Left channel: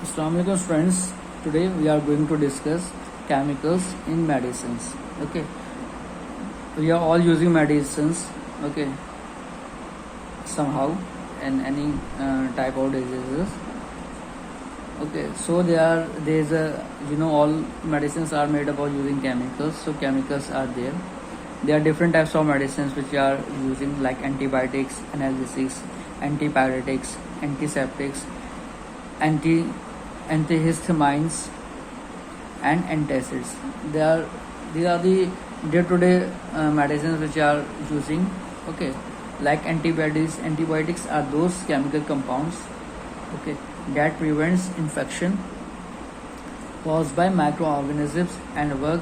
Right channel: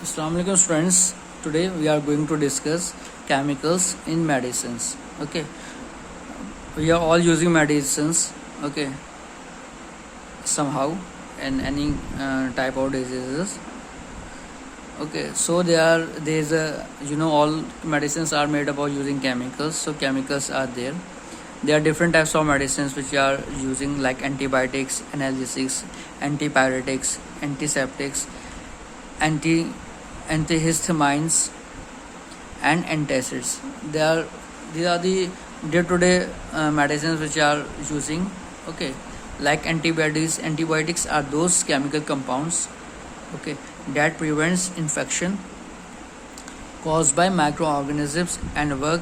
Assalamualaikum friends. Today we are going to discuss chemicals in medicines. Okay, we are all using medicines. Okay, somehow in any type of diseases. Okay, so there's a all medicines are made up of using chemicals. So chemicals are there. There are different types of medicines which are using like antibiotics, analgesics, antipyretics, antiseptics, anti antihistamines and antacids. These are the day-to-day medicines which are using. Okay, like antibiotics. Antibiotics are those chemical compounds. Okay, that prevents infection caused by microorganisms and work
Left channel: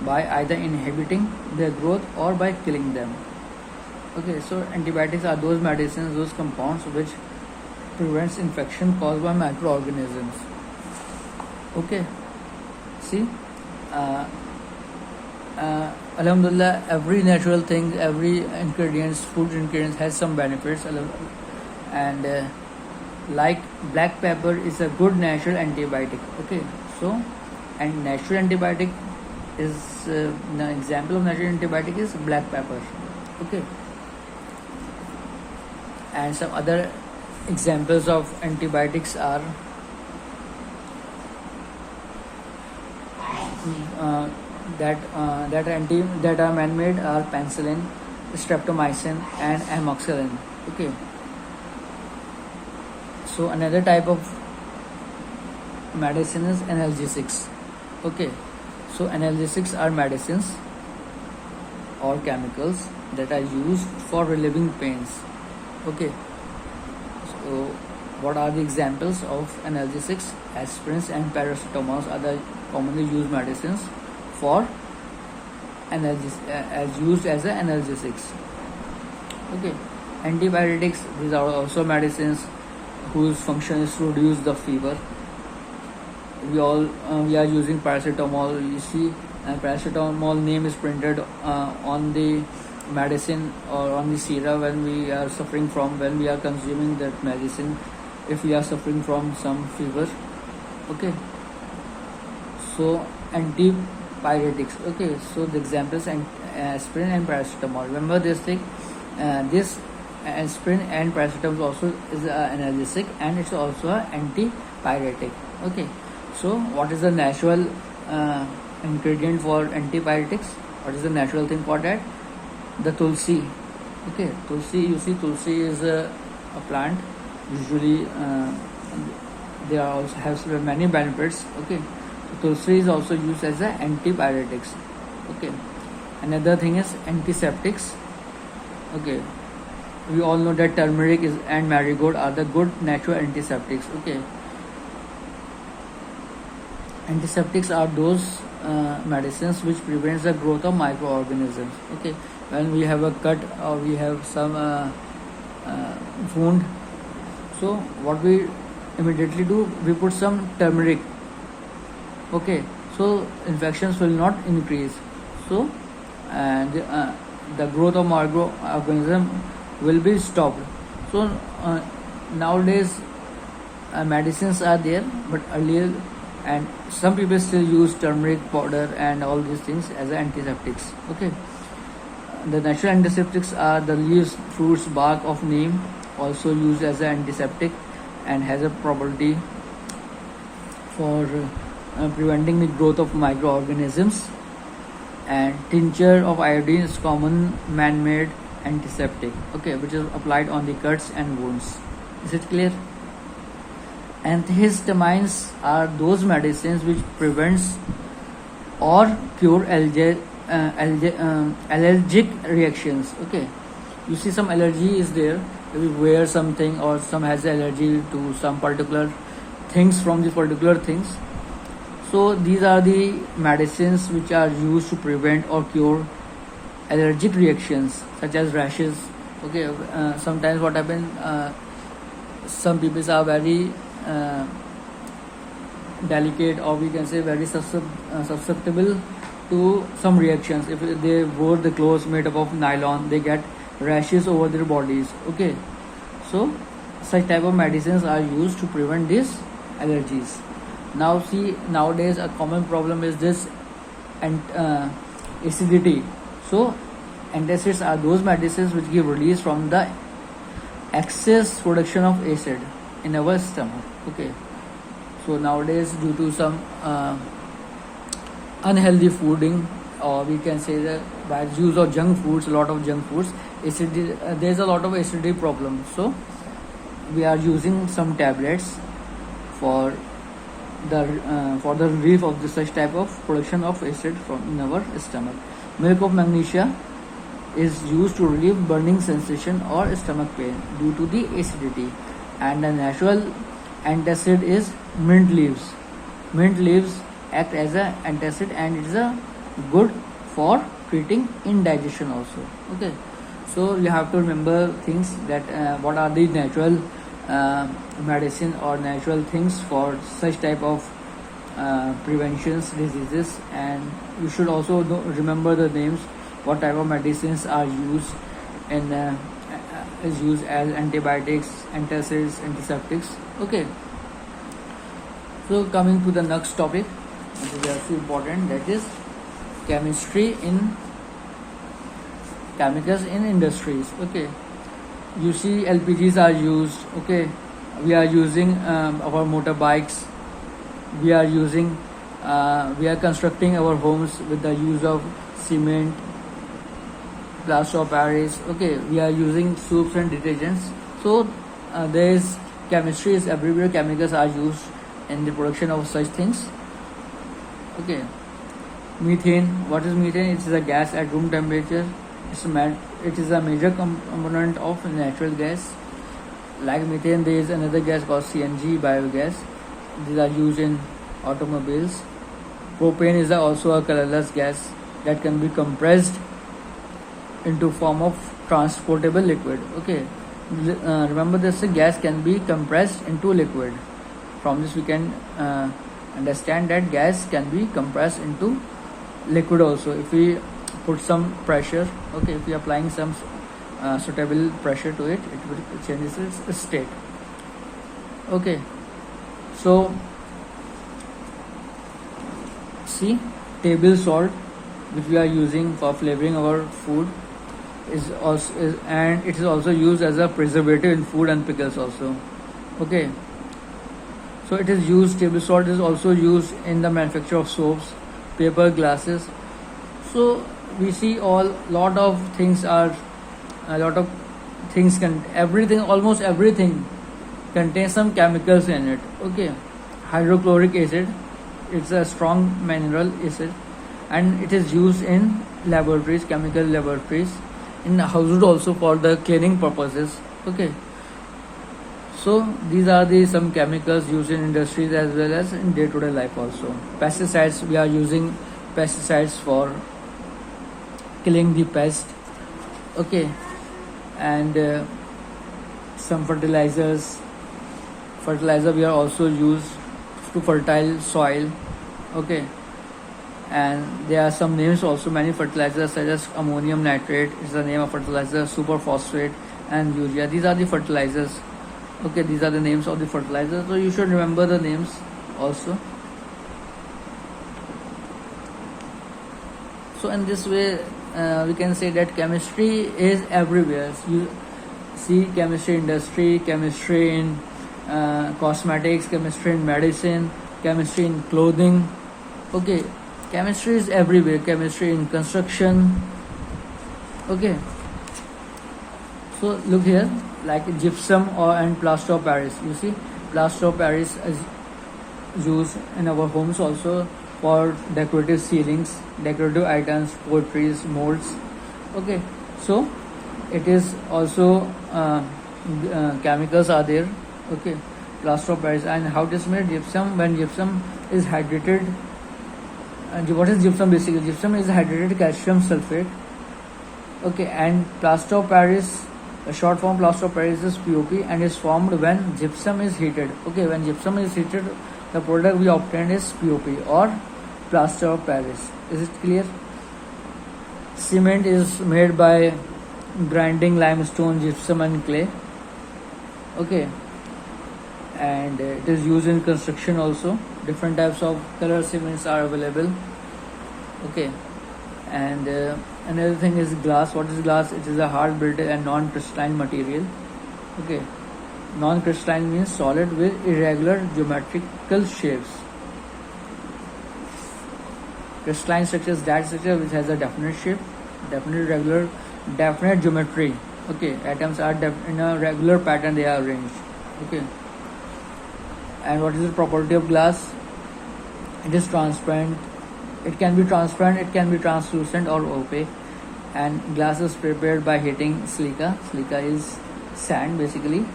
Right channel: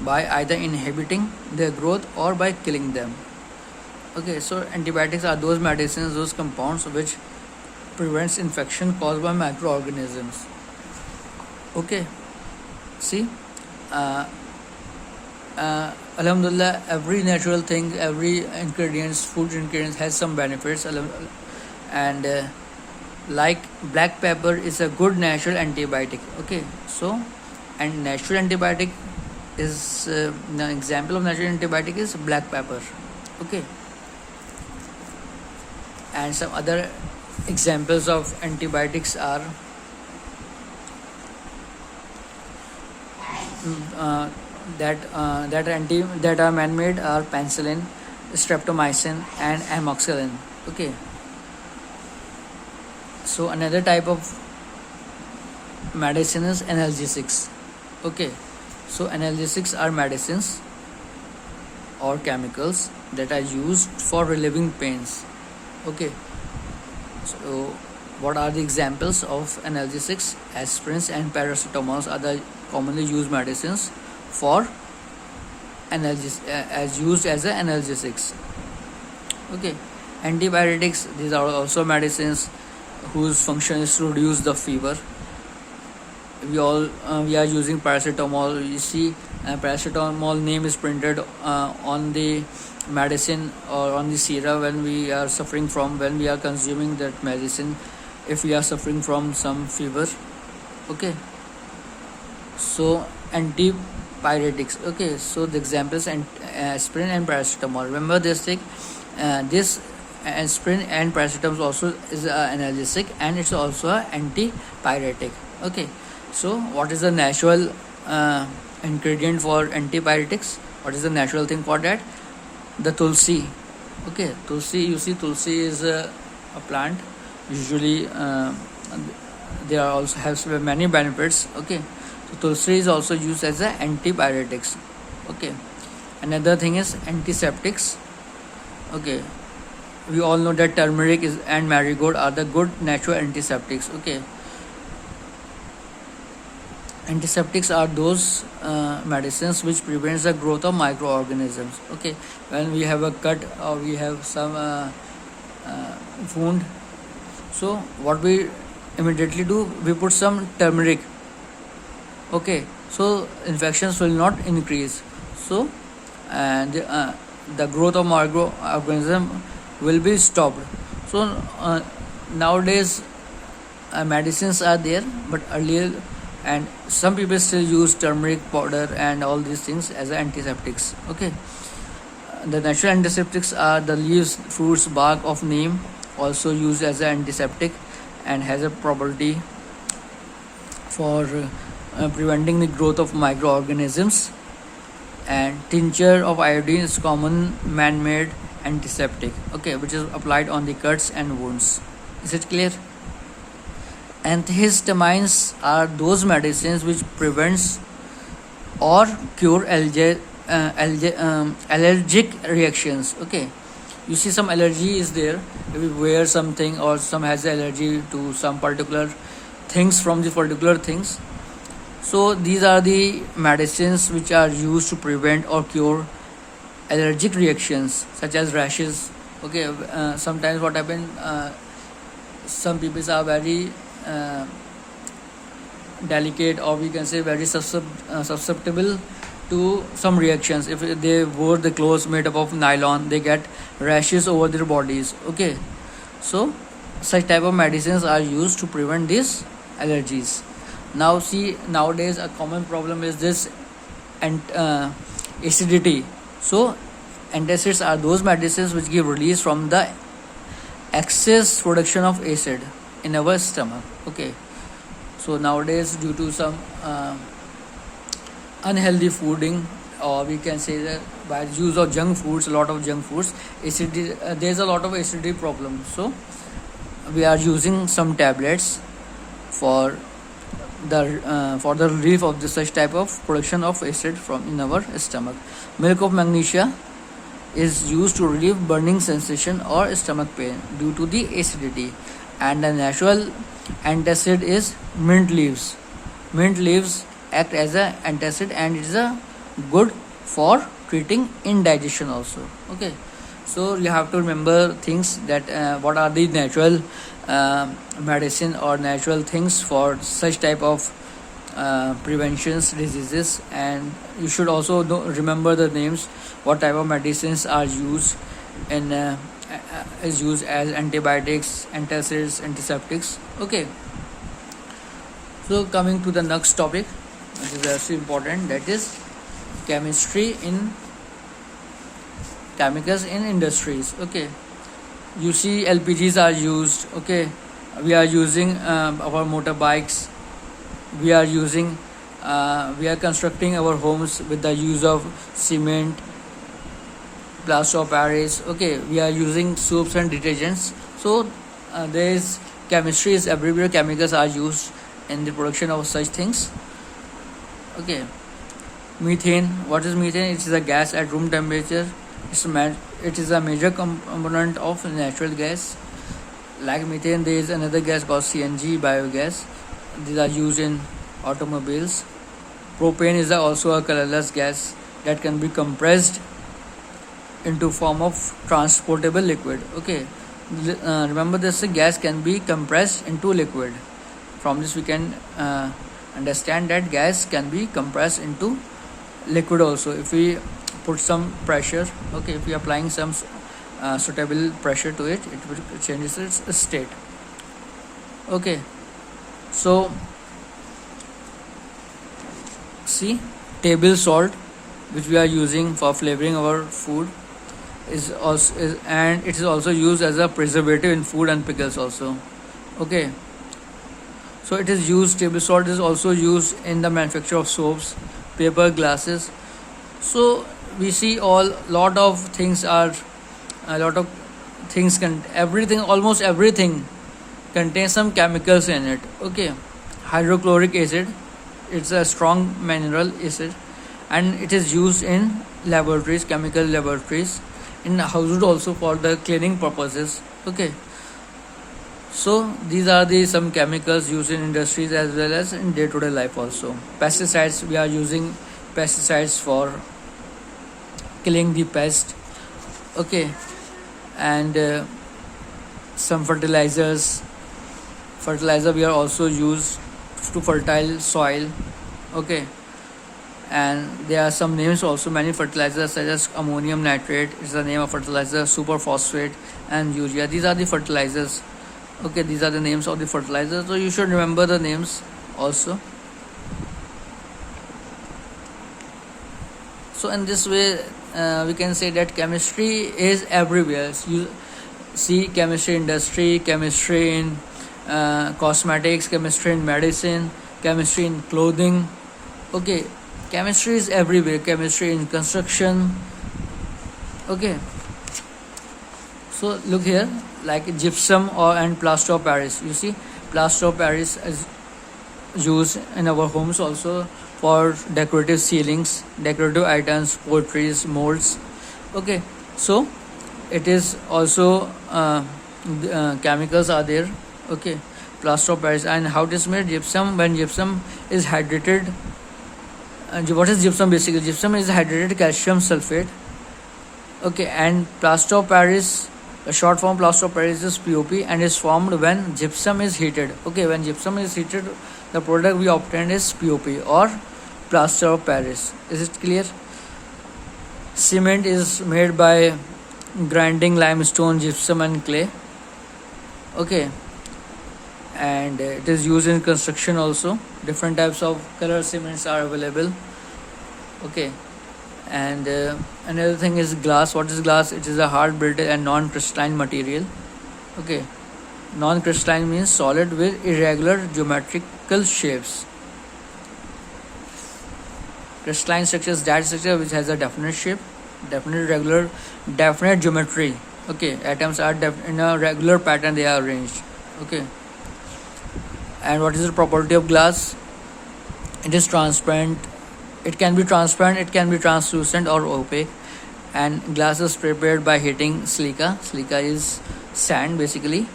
by either inhibiting their growth or by killing them. Okay, so antibiotics are those medicines, those compounds which prevents infection caused by microorganisms. Okay, see, uh, alhamdulillah, every natural thing, every ingredients, food ingredients has some benefits, and like black pepper is a good natural antibiotic. Okay, so and natural antibiotic is an example of natural antibiotic is black pepper. Okay, and some other examples of antibiotics are uh, that are man-made are penicillin, streptomycin, and amoxicillin. Okay, so another type of medicine is analgesics. Okay, so analgesics are medicines or chemicals that are used for relieving pains. Okay, so what are the examples of analgesics? Aspirins and paracetamols are the commonly used medicines for as used as analgesics. Okay, antibiotics, these are also medicines whose function is to reduce the fever. We are using paracetamol. You see, paracetamol name is printed on the medicine or on the syrup when we are when we are consuming that medicine, if we are suffering from some fever. Okay, so antipyretics. Okay, so the examples and aspirin and paracetamol. Remember this thing. This aspirin and paracetamol also is an analgesic and it's also an antipyretic. Okay, so what is the natural ingredient for antipyretics? What is the natural thing for that? The tulsi. Okay, tulsi, you see, tulsi is a plant. Usually they are also has many benefits. Okay, so tulsi is also used as a antipyretics. Okay, another thing is antiseptics. Okay, we all know that turmeric and marigold are the good natural antiseptics. Okay, antiseptics are those medicines which prevents the growth of microorganisms. Okay, when we have a cut or we have some wound, so what we immediately do, we put some turmeric. Okay, so infections will not increase. So and the growth of microorganism will be stopped. So nowadays medicines are there, but earlier, and some people still use turmeric powder and all these things as antiseptics. Okay, the natural antiseptics are the leaves, fruits, bark of neem, also used as an antiseptic and has a property for preventing the growth of microorganisms. And tincture of iodine is common man-made antiseptic. Okay, which is applied on the cuts and wounds. Is it clear? Antihistamines are those medicines which prevents or cure allergic reactions. Okay, you see some allergy is there. If you wear something or some has allergy to some particular things from the particular things. So these are the medicines which are used to prevent or cure allergic reactions such as rashes. Okay, sometimes what happen, some people are very delicate, or we can say very susceptible to some reactions. If they wore the clothes made up of nylon, they get rashes over their bodies. Okay, so such type of medicines are used to prevent this allergies. Now see, nowadays a common problem is this, and acidity. So antacids are those medicines which give release from the excess production of acid in our stomach. Okay, so nowadays due to some unhealthy fooding, or we can say that by use of junk foods, a lot of junk foods, acidity, there's a lot of acidity problem. So we are using some tablets for the relief of such type of production of acid from in our stomach. Milk of magnesia is used to relieve burning sensation or stomach pain due to the acidity. And the natural antacid is mint leaves. Mint leaves act as an antacid, and it is a good for treating indigestion also. Okay, so you have to remember things that what are the natural medicine or natural things for such type of preventions diseases. And you should also remember the names, what type of medicines are used in is used as antibiotics, antacids, antiseptics. Okay, so coming to the next topic, which is also important, that is chemistry in chemicals in industries. Okay, you see LPGs are used. Okay, we are using our motorbikes, we are using we are constructing our homes with the use of cement, plaster of Paris. Okay, we are using soaps and detergents. So there is chemistry is everywhere. Chemicals are used in the production of such things. Okay, methane. What is methane? It is a gas at room temperature. It is a major component of natural gas. Like methane, there is another gas called CNG, biogas. These are used in automobiles. Propane is also a colorless gas that can be compressed into form of transportable liquid. Okay, remember this, gas can be compressed into liquid. From this we can understand that gas can be compressed into liquid also if we put some pressure. Okay, if we are applying some suitable pressure to it, it will changes its state. Okay, so see, table salt, which we are using for flavoring our food, and it is also used as a preservative in food and pickles also. Okay, so it is used, table salt is also used in the manufacture of soaps, paper, glasses. So we see lot of things everything, almost everything contains some chemicals in it. Okay, hydrochloric acid, it's a strong mineral acid, and it is used in laboratories, chemical laboratories, in household also for the cleaning purposes. Okay, so these are the some chemicals used in industries as well as in day-to-day life also. Pesticides, we are using pesticides for killing the pest. Okay, and some fertilizer we are also used to fertile soil. Okay, and there are some names also, many fertilizers such as ammonium nitrate is the name of fertilizer, superphosphate, and urea. These are the fertilizers. Okay, these are the names of the fertilizers, so you should remember the names also. So in this way we can say that chemistry is everywhere. You see chemistry industry, chemistry in cosmetics, chemistry in medicine, chemistry in clothing. Okay, chemistry is everywhere. Chemistry in construction. Okay, so look here, like gypsum and plaster of Paris. You see, plaster of Paris is used in our homes also for decorative ceilings, decorative items, portraits, molds. Okay, so it is also chemicals are there. Okay, plaster of Paris. And how it is made? Gypsum, when gypsum is hydrated, what is gypsum basically? Gypsum is hydrated calcium sulfate. Okay, and plaster of Paris, a short form plaster of Paris is POP, and is formed when gypsum is heated. Okay, when gypsum is heated, the product we obtain is POP or plaster of Paris. Is it clear? Cement is made by grinding limestone, gypsum, and clay. Okay, and it is used in construction also. Different types of color cements are available. Okay, and another thing is glass. What is glass? It is a hard, brittle and non-crystalline material. Okay, non-crystalline means solid with irregular geometrical shapes. Crystalline structure is that structure which has a definite shape, definite regular, definite geometry. Okay, atoms are in a regular pattern, they are arranged. Okay, and what is the property of glass? It is transparent. It can be transparent, it can be translucent or opaque, and glass is prepared by heating silica. Silica is sand basically,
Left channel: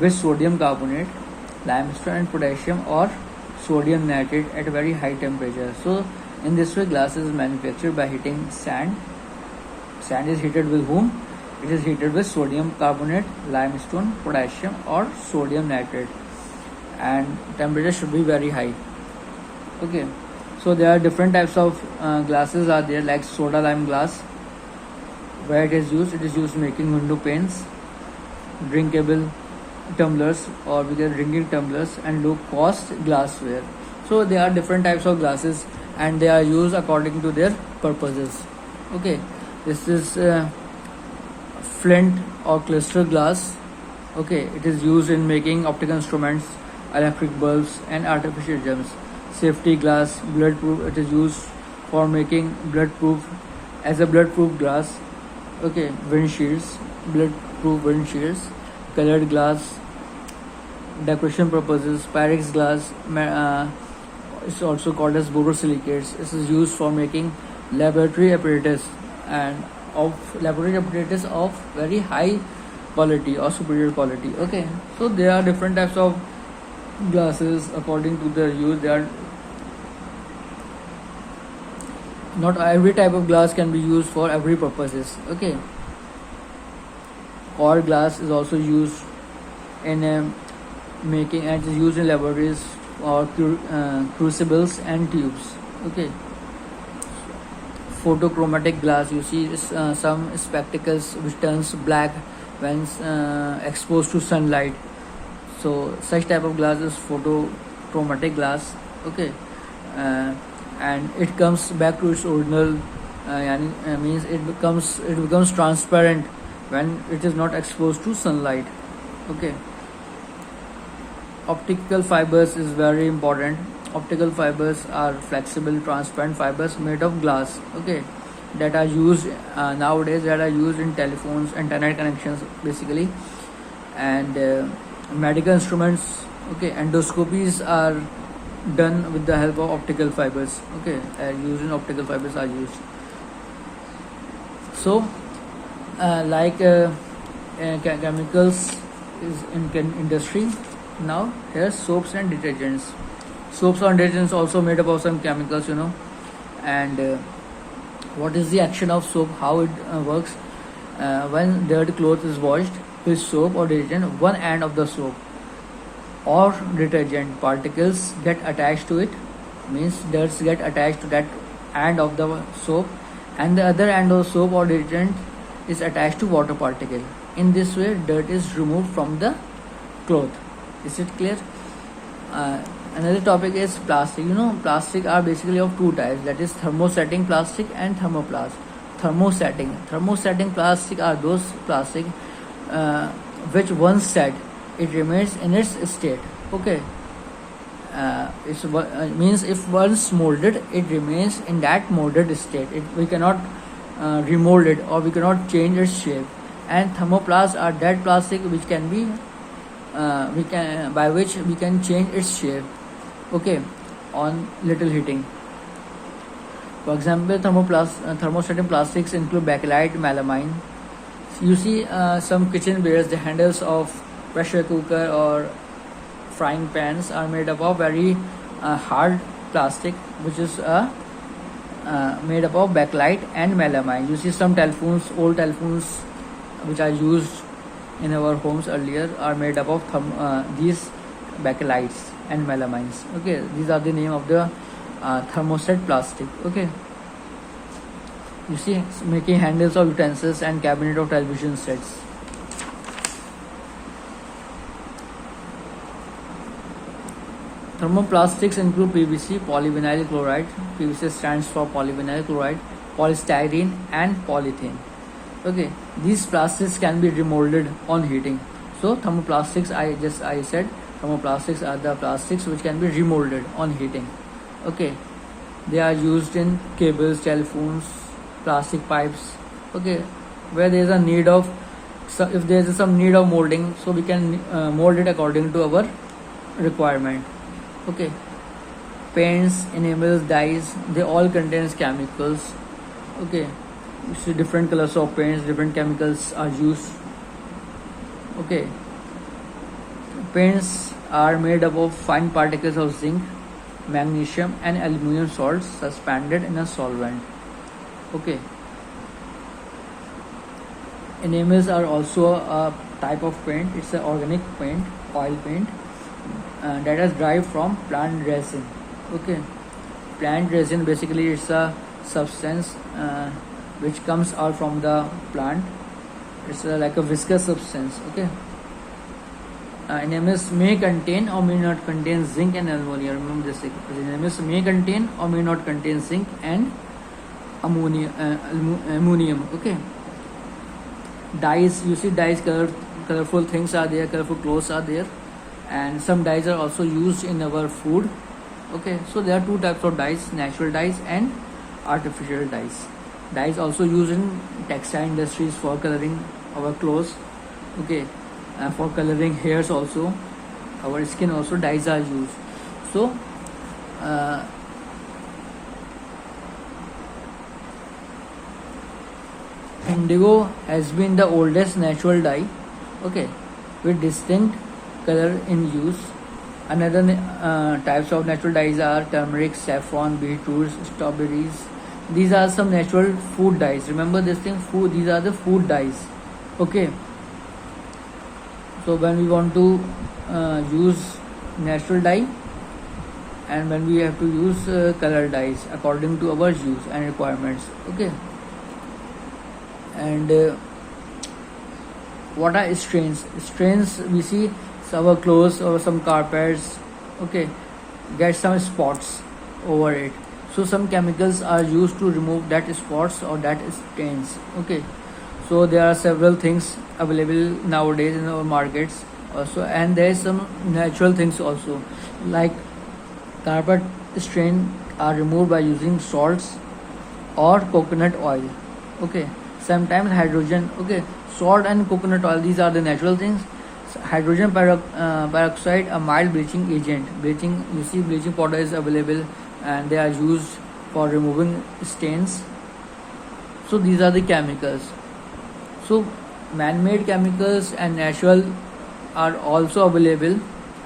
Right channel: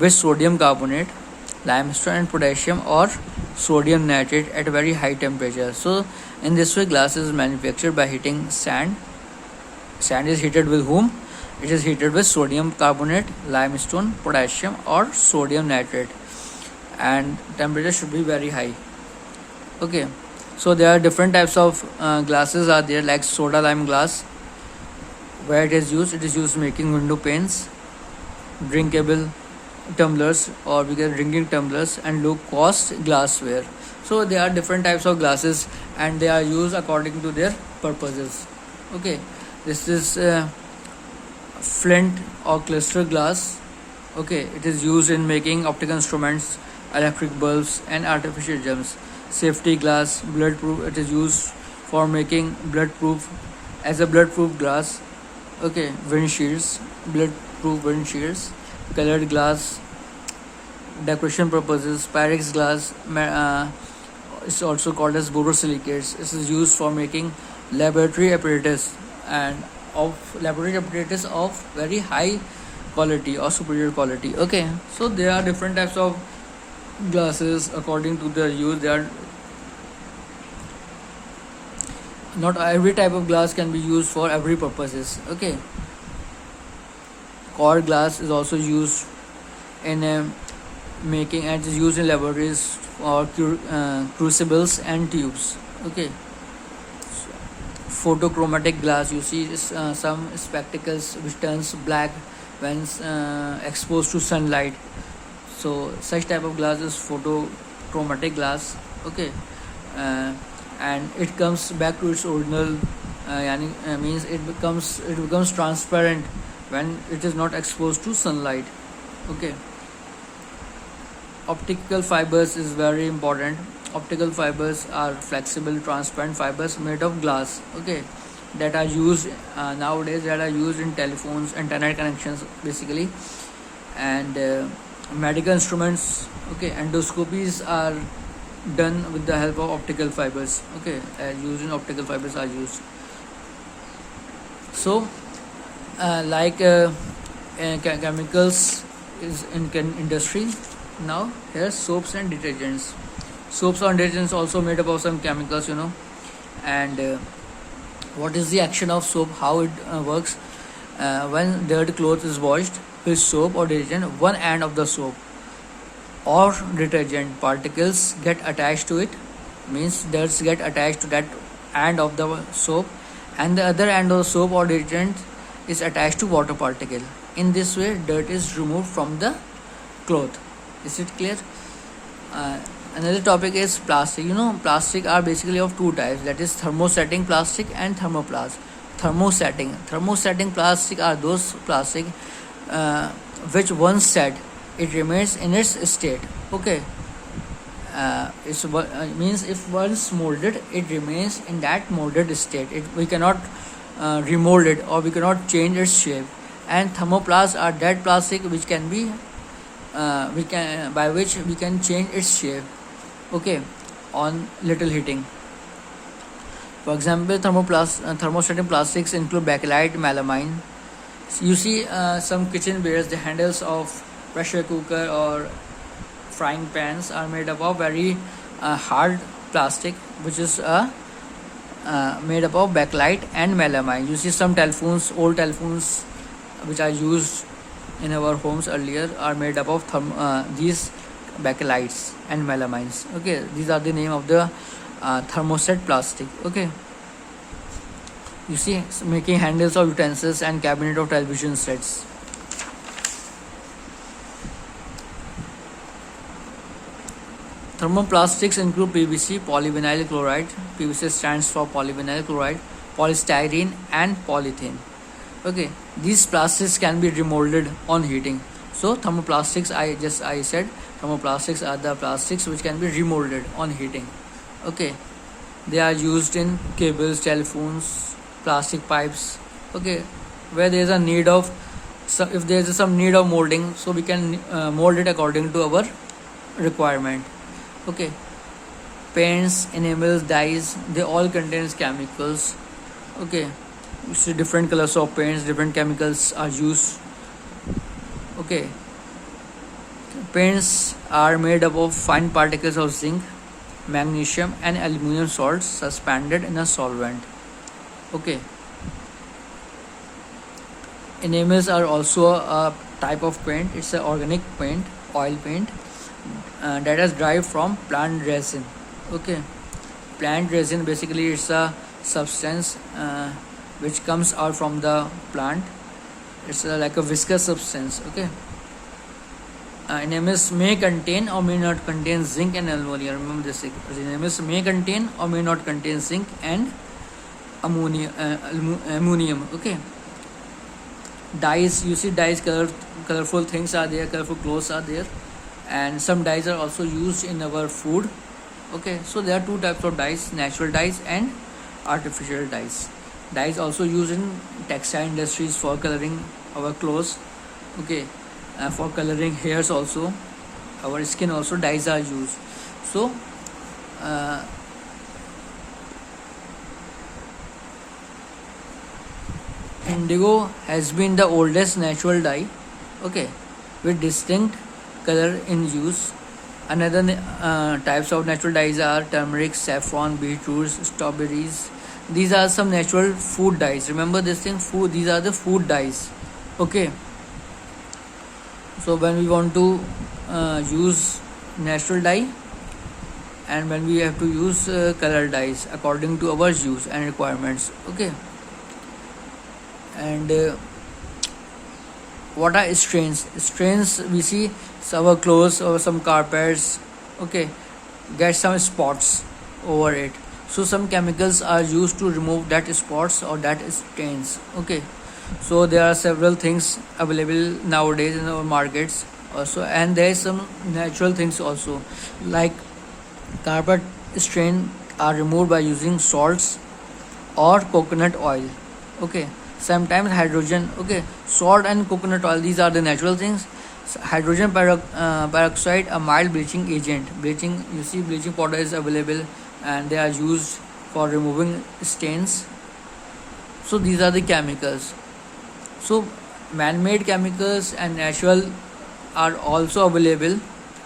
with sodium carbonate, limestone and potassium or sodium nitrate at very high temperature. So in this way glass is manufactured by heating sand. Sand is heated with whom? It is heated with sodium carbonate, limestone, potassium or sodium nitrate, and temperature should be very high. Okay, so there are different types of glasses are there, like soda lime glass. Where it is used making window panes, drinkable tumblers, or we get drinking tumblers, and low cost glassware. So there are different types of glasses and they are used according to their purposes. Okay, this is flint or cluster glass. Okay, it is used in making optical instruments, electric bulbs and artificial gems. Safety glass, bloodproof, it is used for making bloodproof, as a bloodproof glass. Okay, windshields, bloodproof windshields. Colored glass, decoration purposes. Pyrex glass is also called as borosilicates. This is used for making laboratory apparatus and of laboratory apparatus of very high quality or superior quality. Okay, so there are different types of glasses according to the use. There are not every type of glass can be used for every purposes. Okay, core glass is also used in making, and it is used in laboratories or crucibles and tubes. Okay, photochromatic glass, you see some spectacles which turns black when exposed to sunlight. So such type of glass is photochromatic glass. Okay, and it comes back to its original means it becomes transparent when it is not exposed to sunlight. Okay, optical fibers is very important. Optical fibers are flexible transparent fibers made of glass. Okay, that are used nowadays, that are used in telephones, internet connections basically, and medical instruments. Okay, endoscopies are done with the help of optical fibers. Okay, using optical fibers are used. So chemicals is in industry. Now here soaps and detergents. Soaps and detergents also made up of some chemicals, and what is the action of soap, how it works? When dirty cloth is washed with soap or detergent, one end of the soap or detergent particles get attached to it, means dirt get attached to that end of the soap, and the other end of soap or detergent is attached to water particle. In this way dirt is removed from the cloth. Is it clear? Another topic is plastic. Plastic are basically of two types, that is thermosetting plastic and thermoplast. Thermosetting plastic are those plastic which once set it remains in its state. Okay, means if once molded it remains in that molded state. We cannot remold it, or we cannot change its shape. And thermoplasts are that plastic which can be by which we can change its shape. Okay, on little heating. For example, thermosetting plastics include bakelite, melamine. You see some kitchenwares, the handles of pressure cooker or frying pans are made up of very hard plastic, which is made up of bakelite and melamine. You see some telephones, old telephones which are used in our homes earlier, are made up of these bakelites and melamines. Okay, these are the name of the thermoset plastic. Okay, you see, making handles of utensils and cabinet of television sets. Thermoplastics include PVC, polyvinyl chloride. PVC stands for polyvinyl chloride, polystyrene, and polythene. Okay, these plastics can be remolded on heating. So thermoplastics, I said thermoplastics are the plastics which can be remolded on heating. Okay, they are used in cables, telephones, plastic pipes. Okay, where there is a need of, so if there is some need of molding, so we can mold it according to our requirement. Okay, paints, enamels, dyes, they all contains chemicals. Okay, you see different colors of paints, different chemicals are used. Okay, paints are made up of fine particles of zinc, magnesium, and aluminum salts suspended in a solvent. Okay, enamels are also a type of paint. It's an organic paint, oil paint, that is derived from plant resin. Okay, plant resin basically it's a substance which comes out from the plant. It's like a viscous substance. Okay, enamels may contain or may not contain zinc and ammonia. Remember this, enamels may contain or may not contain zinc and ammonium. Okay, dyes, you see dyes, colorful things are there, colorful clothes are there, and some dyes are also used in our food. Okay, so there are two types of dyes, natural dyes and artificial dyes. Dyes also used in textile industries for coloring our clothes. Okay, for coloring hairs also, our skin also, dyes are used. So indigo has been the oldest natural dye. Okay, with distinct color in use. Another types of natural dyes are turmeric, saffron, beetroots, strawberries. These are some natural food dyes. Remember this thing, food, these are the food dyes. Okay, so when we want to use natural dye, and when we have to use color dyes according to our use and requirements. Okay, and what are stains? Stains, we see our clothes or some carpets, okay, get some spots over it. So some chemicals are used to remove that spots or that stains. Okay, so there are several things available nowadays in our markets also, and there is some natural things also, like carpet stain are removed by using salts or coconut oil. Okay, sometimes hydrogen. Okay, salt and coconut oil, these are the natural things. Hydrogen peroxide, a mild bleaching agent. Bleaching, you see bleaching powder is available and they are used for removing stains. So these are the chemicals. So man-made chemicals and natural are also available.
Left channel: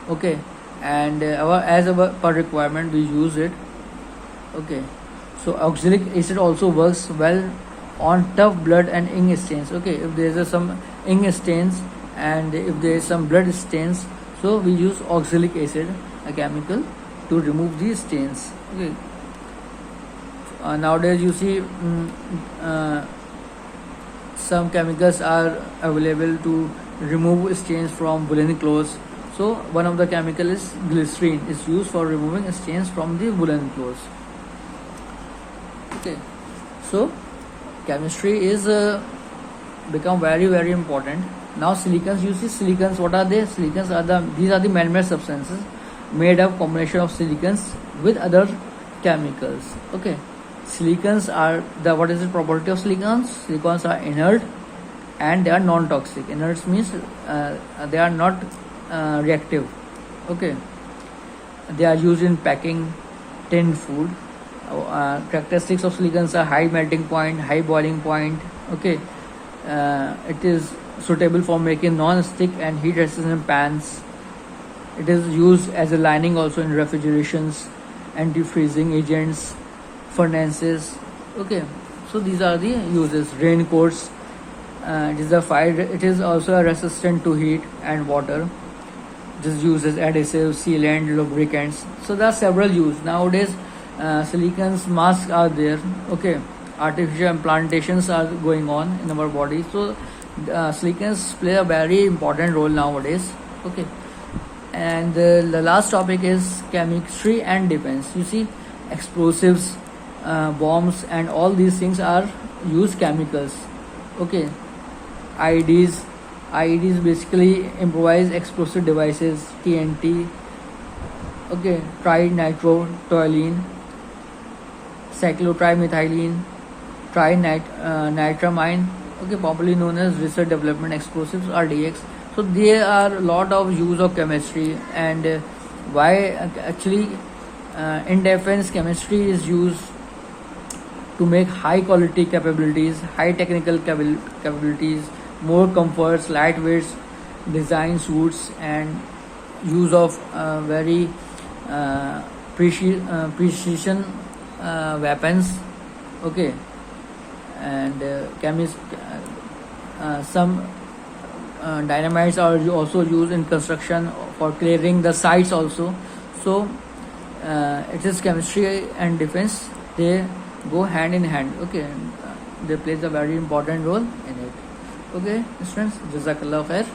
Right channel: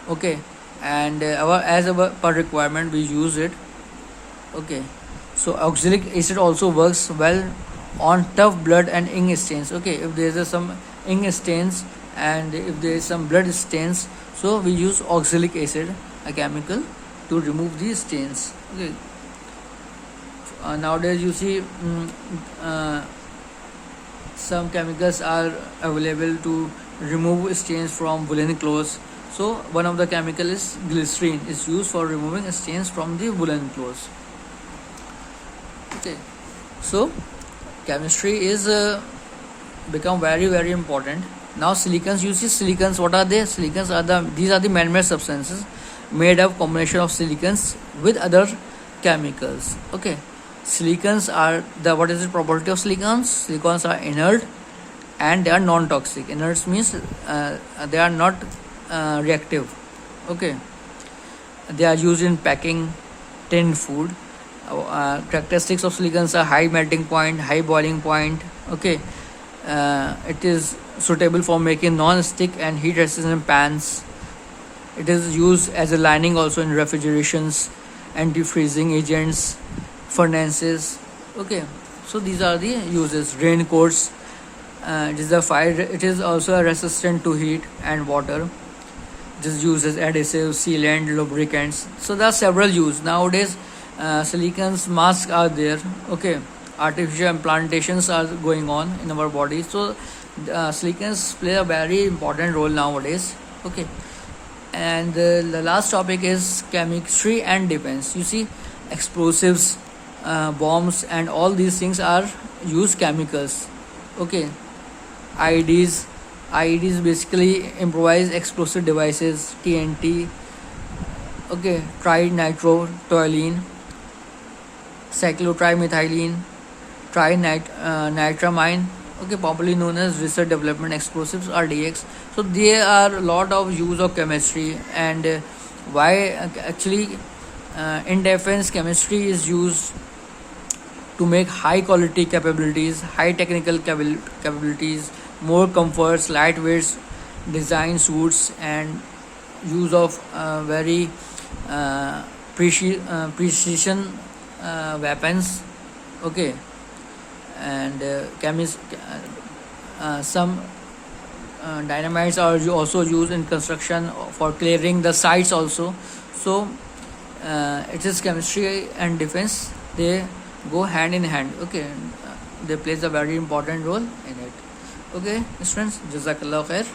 Okay, and as our per requirement we use it. Okay, so oxalic acid also works well on tough blood and ink stains. Okay, if there is some ink stains and if there is some blood stains, so we use oxalic acid, a chemical, to remove these stains. Okay, nowadays you see some chemicals are available to remove stains from woolen clothes. So one of the chemical is glycerin, is used for removing stains from the woolen clothes. Okay, so chemistry is become very important. Now silicons, you see silicons, what are they? Silicons are these are the man-made substances made of combination of silicons with other chemicals. Okay, silicons are what is the property of silicons? Silicons are inert and they are non-toxic. Inert means they are not reactive. Okay, they are used in packing tin food. Characteristics of silicons are high melting point, high boiling point. Okay, it is suitable for making non-stick and heat resistant pans. It is used as a lining also in refrigerations, anti-freezing agents, furnaces. Okay, so these are the uses. Raincoats, it is also resistant to heat and water. It is used as adhesive, sealant, lubricants. So there are several uses nowadays. Silicons masks are there. Okay, artificial implantations are going on in our body. So silicons play a very important role nowadays. Okay, And the last topic is chemistry and defense. You see, explosives, bombs, and all these things are use chemicals. Okay, IEDs. IEDs basically improvised explosive devices. TNT. Okay, trinitrotoluene, cyclotrimethylene, trinitramine. Okay, popularly known as research development explosives, RDX. So there are a lot of use of chemistry, and why actually in defense chemistry is used to make high quality capabilities, high technical capabilities, more comforts, lightweight design suits, and use of very precision weapons. Okay, and some dynamites are also used in construction for clearing the sites also. So it is chemistry and defense, they go hand in hand. Okay, they plays a very important role in it. Okay, students, jazakallah khair.